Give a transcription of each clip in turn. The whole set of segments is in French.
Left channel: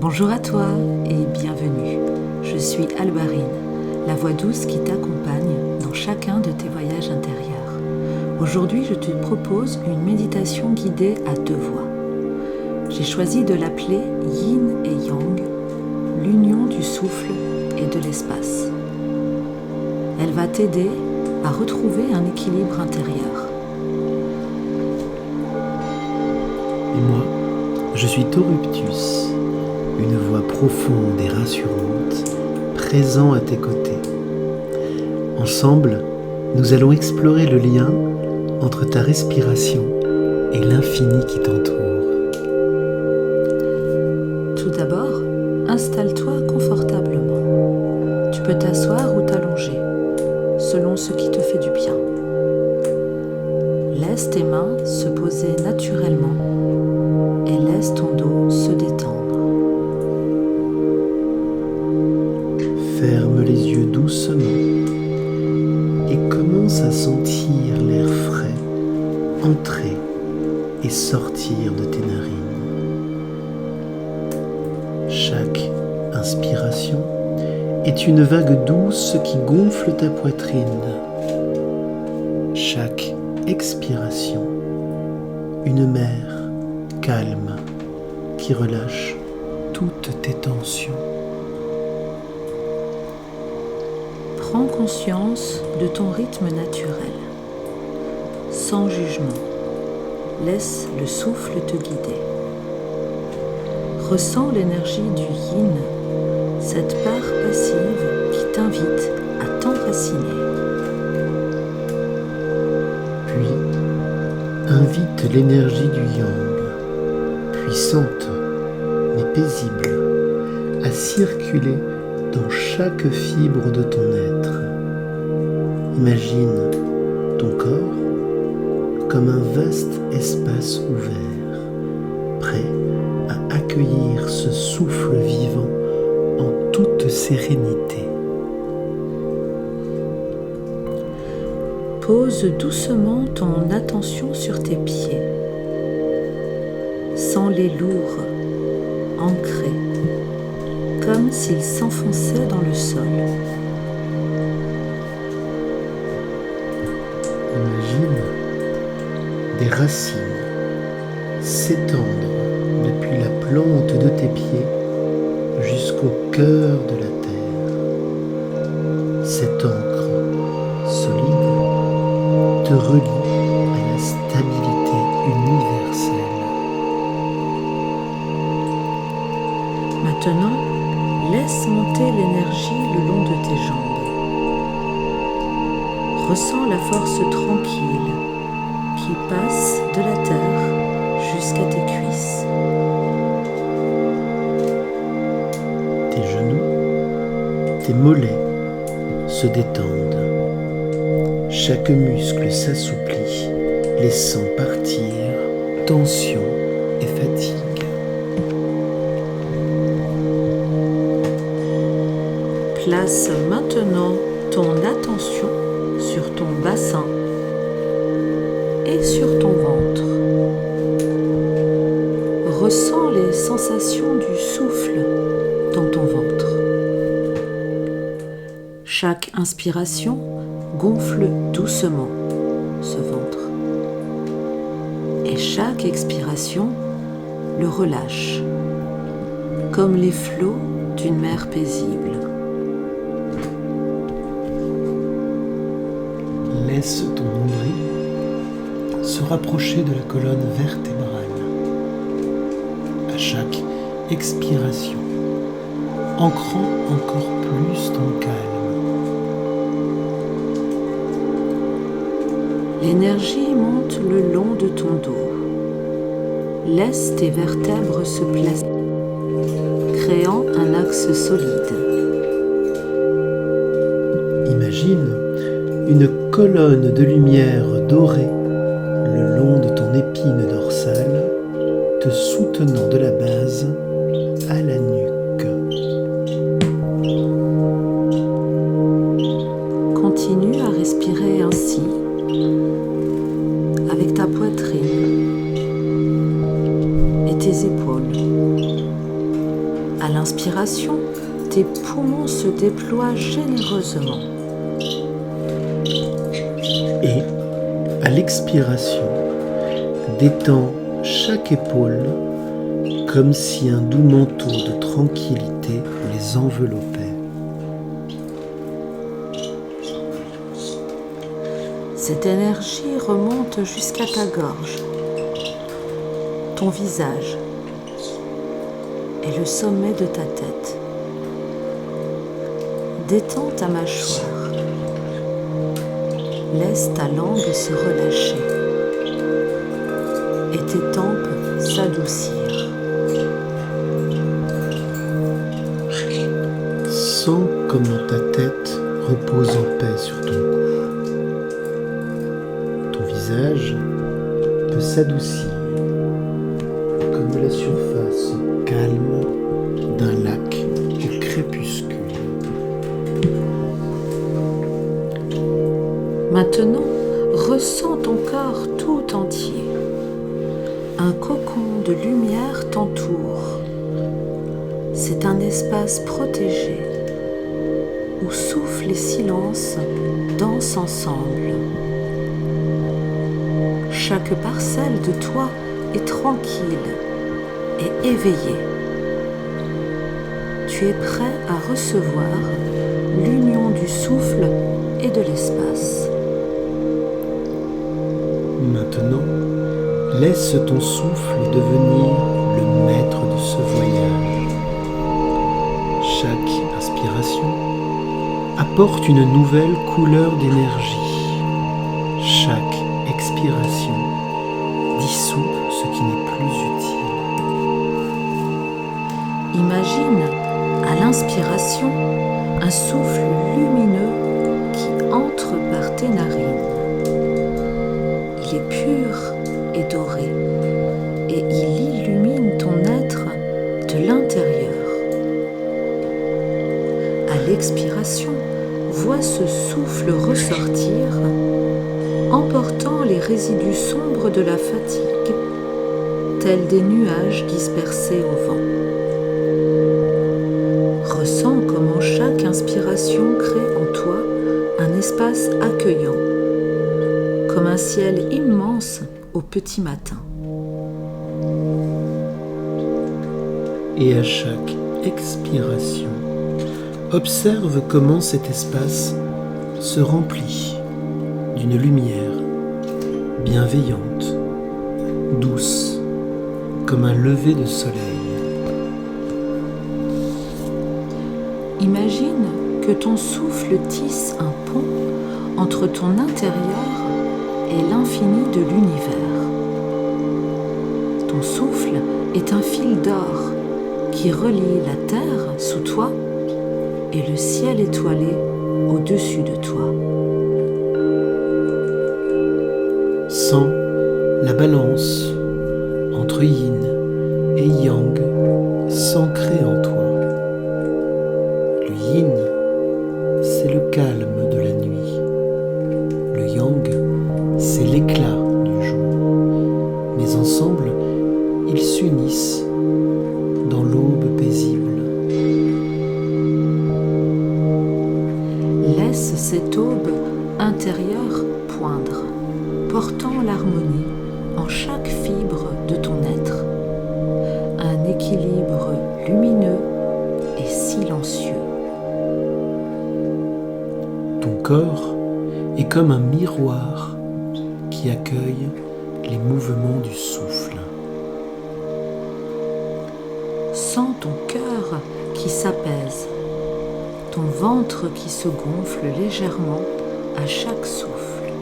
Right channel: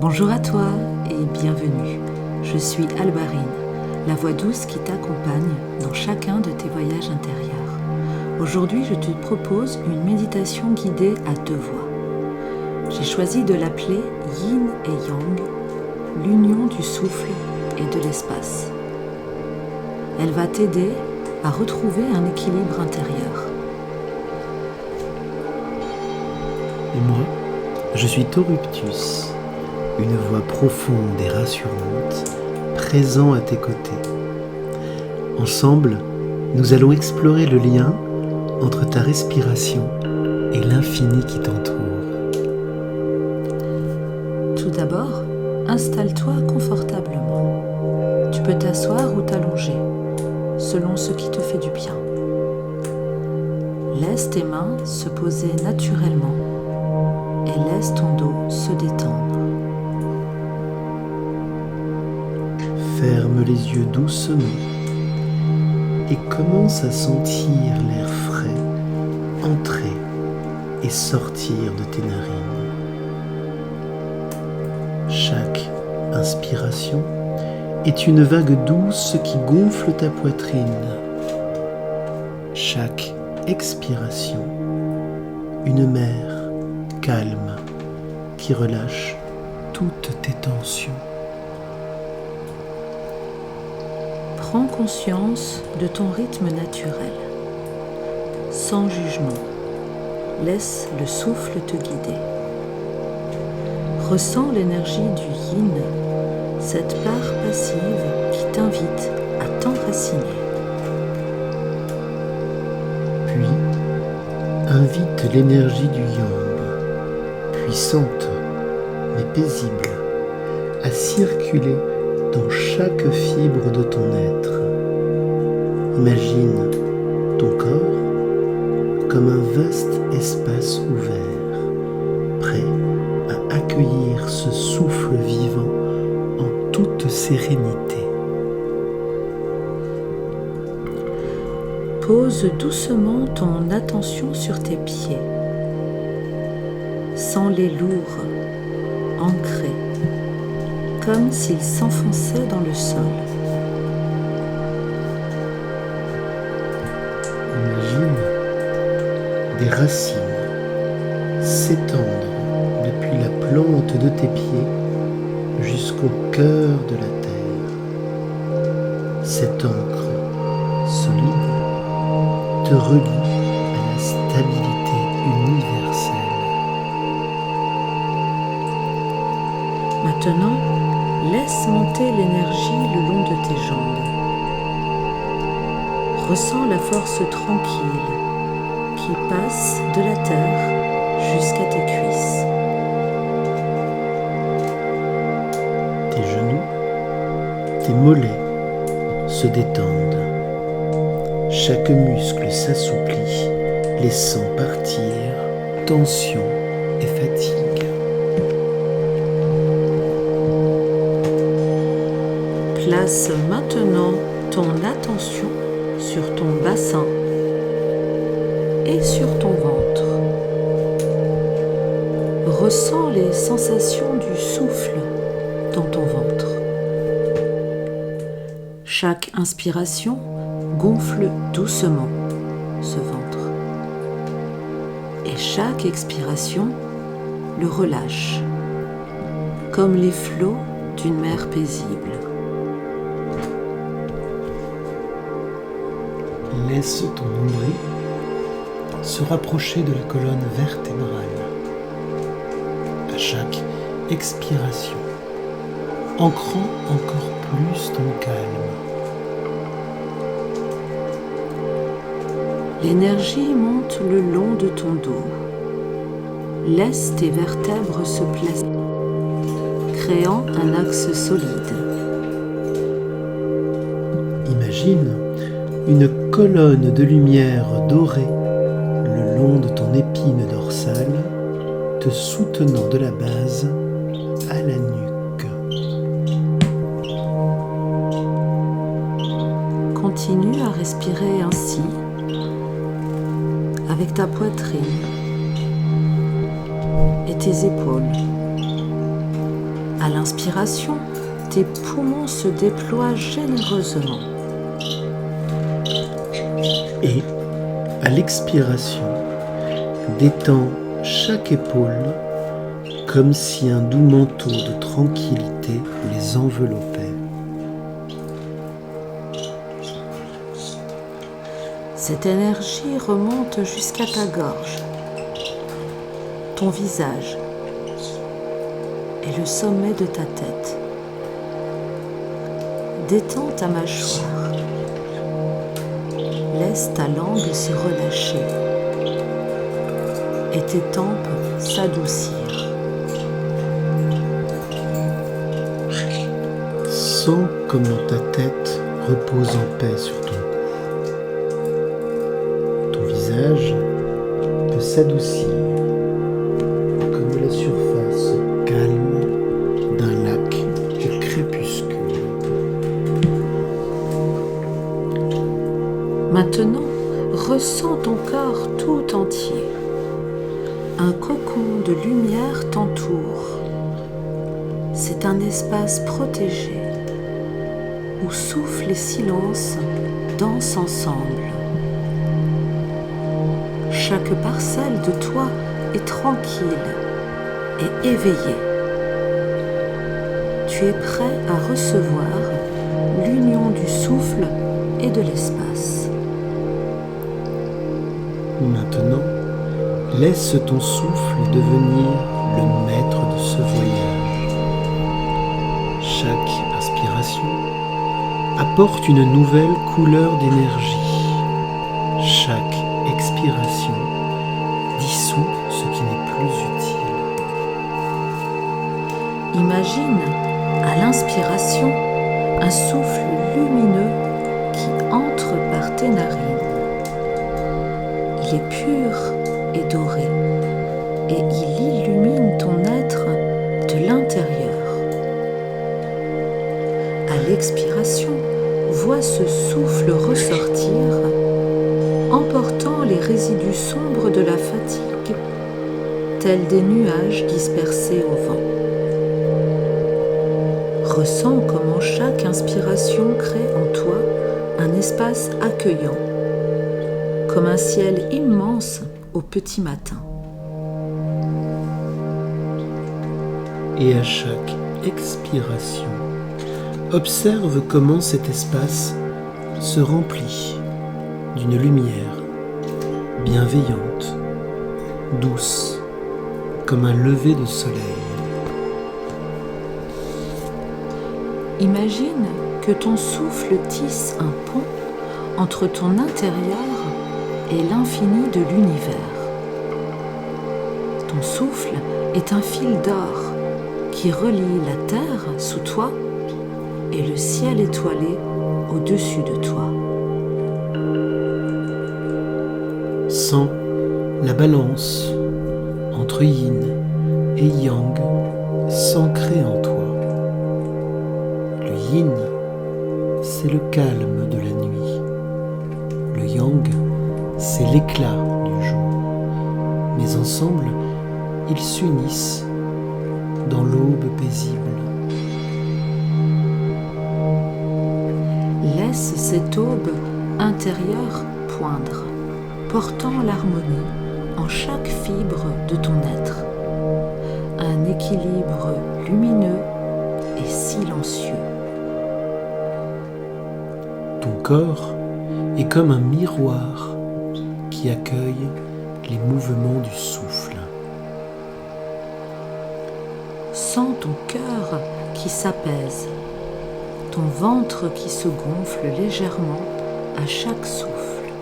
Bonjour à toi et bienvenue. Je suis Albarine, la voix douce qui t'accompagne dans chacun de tes voyages intérieurs. Aujourd'hui, je te propose une méditation guidée à deux voix. J'ai choisi de l'appeler Yin et Yang, l'union du souffle et de l'espace. Elle va t'aider à retrouver un équilibre intérieur. Et moi, je suis Toruptus, une voix profonde et rassurante, présent à tes côtés. Ensemble, nous allons explorer le lien entre ta respiration et l'infini qui t'entoure. Tout d'abord, installe-toi confortablement. Tu peux t'asseoir ou t'allonger, selon ce qui te fait du bien. Laisse tes mains se poser naturellement et laisse ton dos se détendre. Ferme les yeux doucement et commence à sentir l'air frais entrer et sortir de tes narines. Chaque inspiration est une vague douce qui gonfle ta poitrine. Chaque expiration, une mer calme qui relâche toutes tes tensions. Prends conscience de ton rythme naturel, sans jugement. Laisse le souffle te guider. Ressens l'énergie du yin, cette part passive qui t'invite à t'enraciner. Puis, invite l'énergie du yang, puissante mais paisible, à circuler dans chaque fibre de ton être. Imagine ton corps comme un vaste espace ouvert, prêt à accueillir ce souffle vivant en toute sérénité. Pose doucement ton attention sur tes pieds. Sens-les lourds, ancrés, comme s'ils s'enfonçaient dans le sol. Imagine des racines s'étendre depuis la plante de tes pieds jusqu'au cœur de la terre. Cette encre solide te relie à la stabilité universelle. Maintenant, laisse monter l'énergie le long de tes jambes. Ressens la force tranquille qui passe de la terre jusqu'à tes cuisses. Tes genoux, tes mollets se détendent. Chaque muscle s'assouplit, laissant partir tension et fatigue. Place maintenant ton attention sur ton bassin et sur ton ventre. Ressens les sensations du souffle dans ton ventre. Chaque inspiration gonfle doucement ce ventre. Et chaque expiration le relâche, comme les flots d'une mer paisible. Laisse ton nombril se rapprocher de la colonne vertébrale. À chaque expiration, ancrant encore plus ton calme. L'énergie monte le long de ton dos. Laisse tes vertèbres se placer, créant un axe solide. Imagine une colonne de lumière dorée le long de ton épine dorsale, te soutenant de la base à la nuque. Continue à respirer ainsi, avec ta poitrine et tes épaules. À l'inspiration, tes poumons se déploient généreusement. Et, à l'expiration, détends chaque épaule comme si un doux manteau de tranquillité les enveloppait. Cette énergie remonte jusqu'à ta gorge, ton visage et le sommet de ta tête. Détends ta mâchoire. Laisse ta langue se relâcher et tes tempes s'adoucir. Sens comment ta tête repose en paix sur ton cou. Ton visage peut s'adoucir comme la surface calme d'un lac au crépuscule. Maintenant, ressens ton corps tout entier. Un cocon de lumière t'entoure. C'est un espace protégé où souffle et silence dansent ensemble. Chaque parcelle de toi est tranquille et éveillée. Tu es prêt à recevoir l'union du souffle et de l'espace. Maintenant, laisse ton souffle devenir le maître de ce voyage. Chaque inspiration apporte une nouvelle couleur d'énergie. Chaque expiration dissout ce qui n'est plus utile. Imagine, à l'inspiration, un souffle lumineux qui entre par tes narines. Il est pur et doré, et il illumine ton être de l'intérieur. À l'expiration, vois ce souffle ressortir, emportant les résidus sombres de la fatigue, tels des nuages dispersés au vent. Ressens comment chaque inspiration crée en toi un espace accueillant, comme un ciel immense au petit matin. Et à chaque expiration, observe comment cet espace se remplit d'une lumière bienveillante, douce, comme un lever de soleil. Imagine que ton souffle tisse un pont entre ton intérieur et l'infini de l'univers. Ton souffle est un fil d'or qui relie la terre sous toi et le ciel étoilé au-dessus de toi. Sens la balance entre yin et yang s'ancrer en toi. Le yin, c'est le calme de la nuit. Le yang, c'est l'éclat du jour. Mais ensemble, ils s'unissent dans l'aube paisible. Laisse cette aube intérieure poindre, portant l'harmonie en chaque fibre de ton être. Un équilibre lumineux et silencieux. Ton corps est comme un miroir qui accueille les mouvements du souffle. Sens ton cœur qui s'apaise, ton ventre qui se gonfle légèrement à chaque souffle.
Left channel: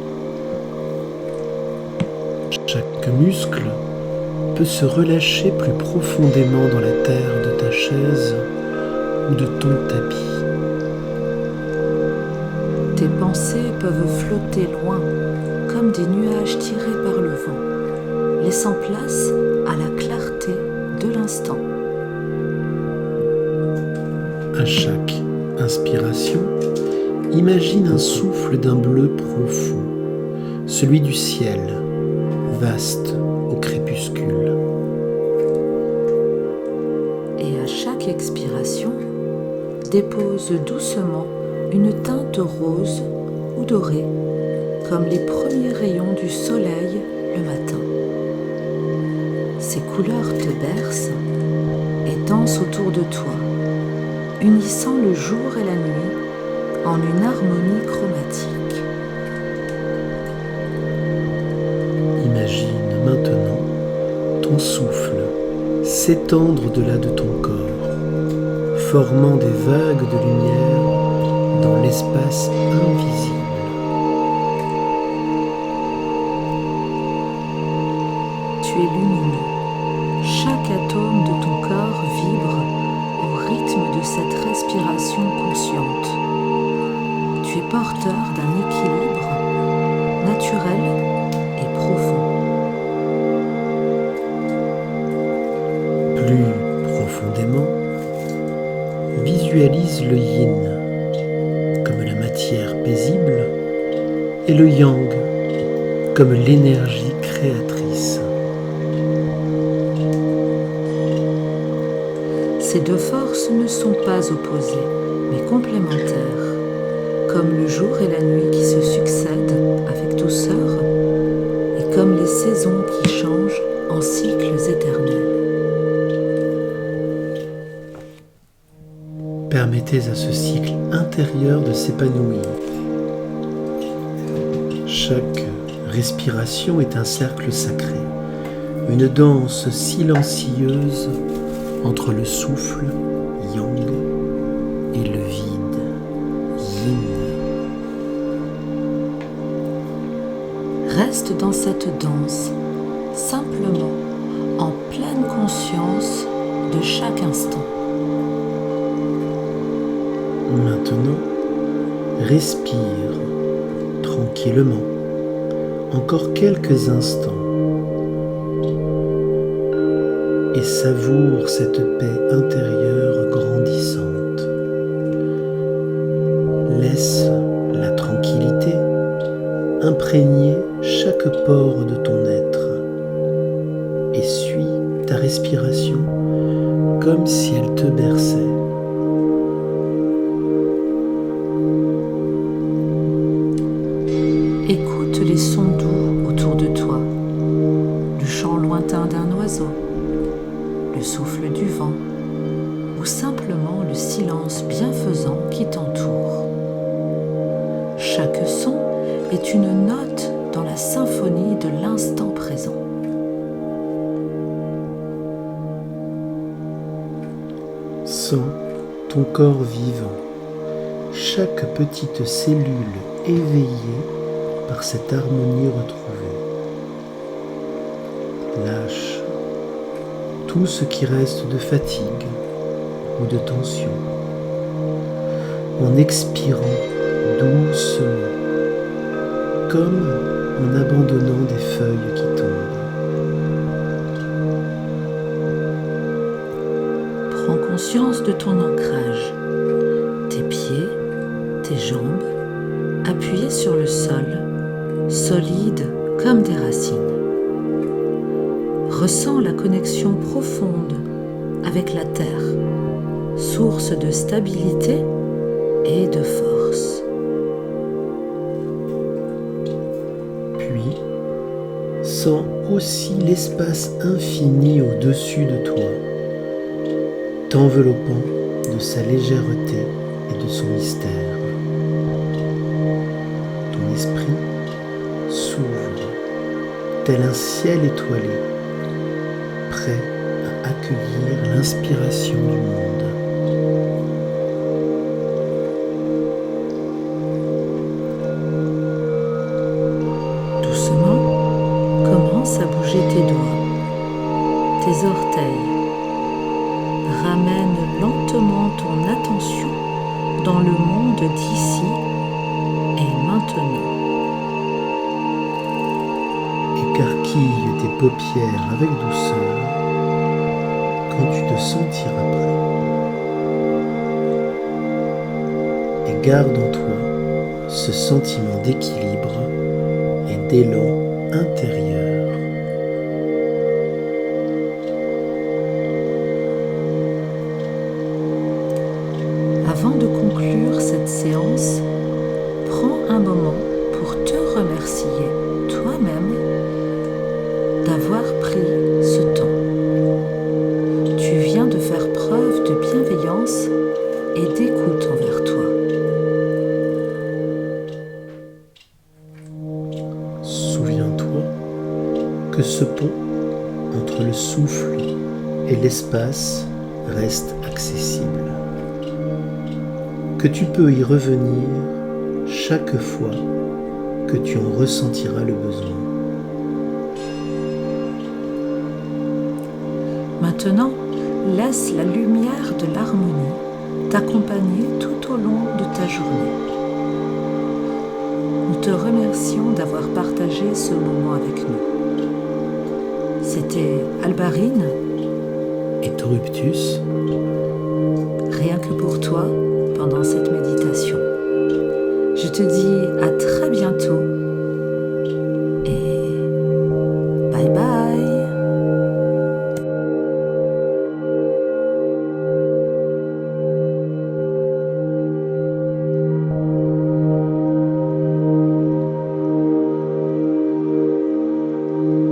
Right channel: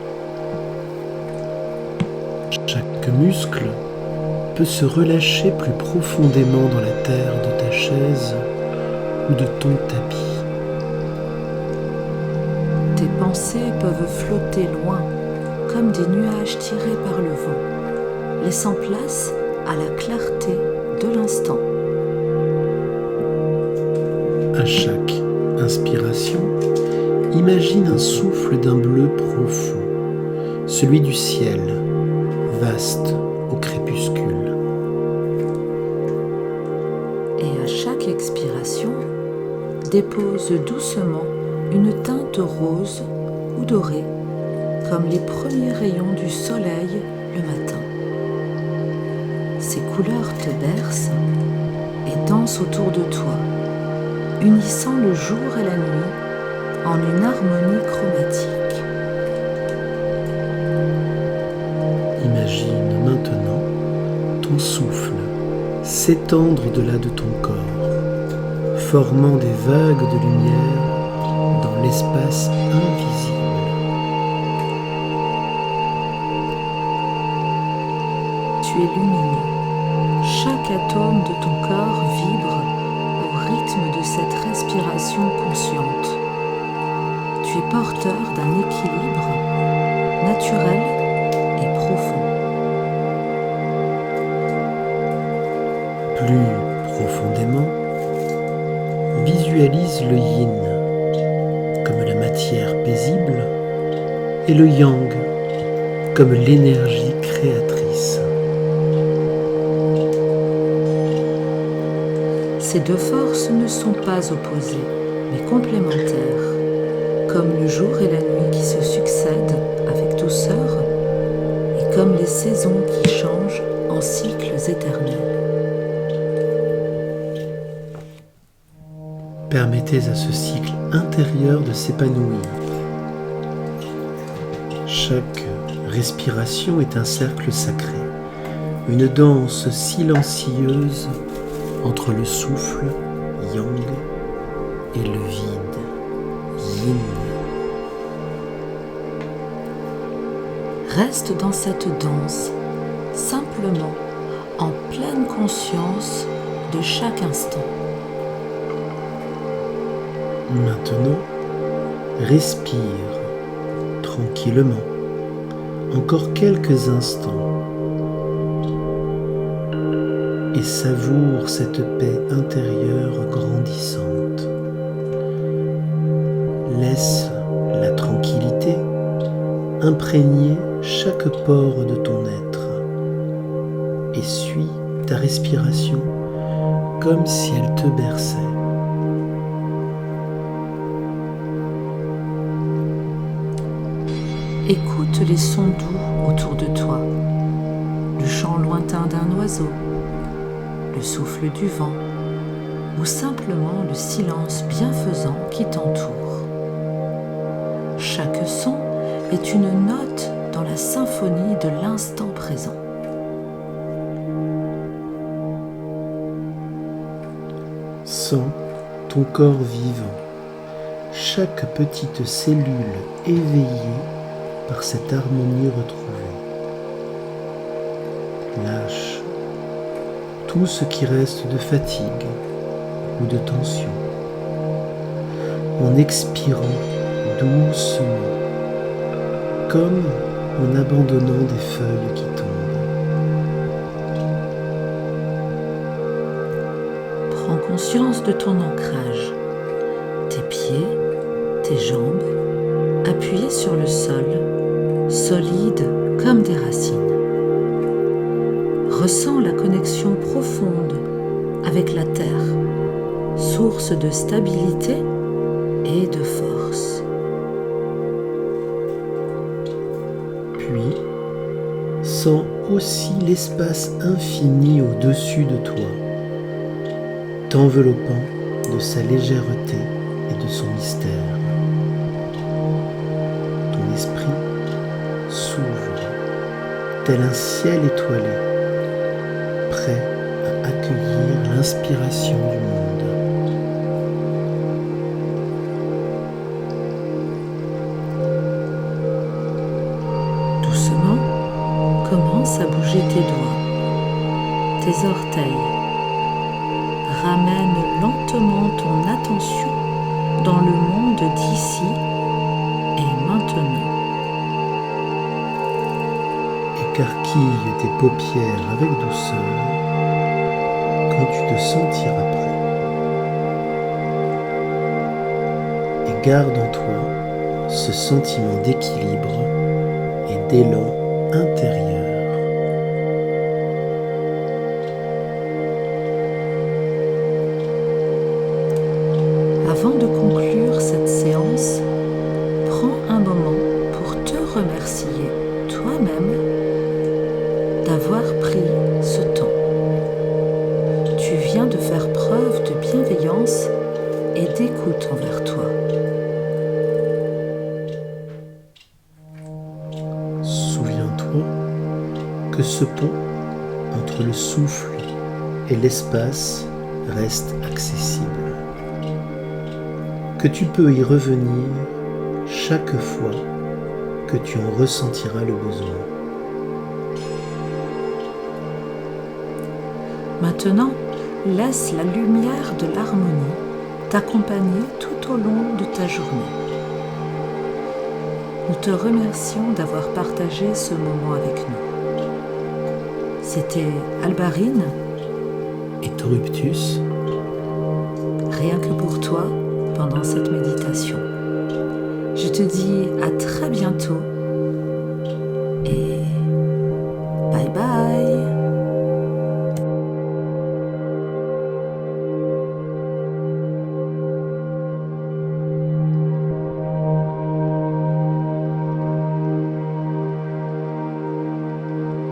Chaque muscle peut se relâcher plus profondément dans la terre de ta chaise ou de ton tapis. Tes pensées peuvent flotter loin, comme des nuages tirés par le vent, laissant place à la clarté de l'instant. À chaque inspiration, imagine un souffle d'un bleu profond, celui du ciel, vaste au crépuscule. Et à chaque expiration, dépose doucement une teinte rose ou dorée, comme les premiers rayons du soleil le matin. Ces couleurs te bercent et dansent autour de toi, unissant le jour et la nuit en une harmonie chromatique. Imagine maintenant ton souffle s'étendre au-delà de ton corps, formant des vagues de lumière dans l'espace invisible. Tu es lumineux. Chaque atome de ton corps vibre au rythme de cette respiration consciente. Tu es porteur d'un équilibre naturel et profond. Plus profondément, visualise le yin comme la matière paisible et le yang comme l'énergie créatrice. Ces deux forces ne sont pas opposées, mais complémentaires, comme le jour et la nuit qui se succèdent avec douceur et comme les saisons qui changent en cycles éternels. Permettez à ce cycle intérieur de s'épanouir. Chaque respiration est un cercle sacré, une danse silencieuse entre le souffle yang et le vide yin. Reste dans cette danse, simplement en pleine conscience de chaque instant. Maintenant, respire tranquillement, encore quelques instants, et savoure cette paix intérieure grandissante. Laisse la tranquillité imprégner chaque pore de ton être et suis ta respiration comme si elle te berçait. Écoute les sons doux autour de toi, le chant lointain d'un oiseau, le souffle du vent ou simplement le silence bienfaisant qui t'entoure. Chaque son est une note dans la symphonie de l'instant présent. Sens ton corps vivant, chaque petite cellule éveillée par cette harmonie retrouvée. Lâche tout ce qui reste de fatigue ou de tension en expirant doucement, comme en abandonnant des feuilles qui tombent. Prends conscience de ton ancrage, tes pieds, tes jambes, appuyés sur le sol, solides comme des racines. Ressens la connexion profonde avec la terre, source de stabilité et de force. Puis, sens aussi l'espace infini au-dessus de toi, t'enveloppant de sa légèreté et de son mystère. Ton esprit s'ouvre, tel un ciel étoilé, prêt à accueillir l'inspiration du monde. Doucement, commence à bouger tes doigts, tes orteils. Ramène lentement ton attention dans le monde d'ici et maintenant. Écarquille tes paupières avec douceur quand tu te sentiras prêt. Et garde en toi ce sentiment d'équilibre et d'élan intérieur. Avant de conclure cette séance, prends un moment pour te remercier toi-même d'avoir pris ce temps. Tu viens de faire preuve de bienveillance et d'écoute envers toi. Souviens-toi que ce pont entre le souffle et l'espace reste accessible, que tu peux y revenir chaque fois que tu en ressentiras le besoin. Maintenant, laisse la lumière de l'harmonie t'accompagner tout au long de ta journée. Nous te remercions d'avoir partagé ce moment avec nous. C'était Albarine Et Toruptus, rien que pour toi pendant cette méditation. Je te dis à très bientôt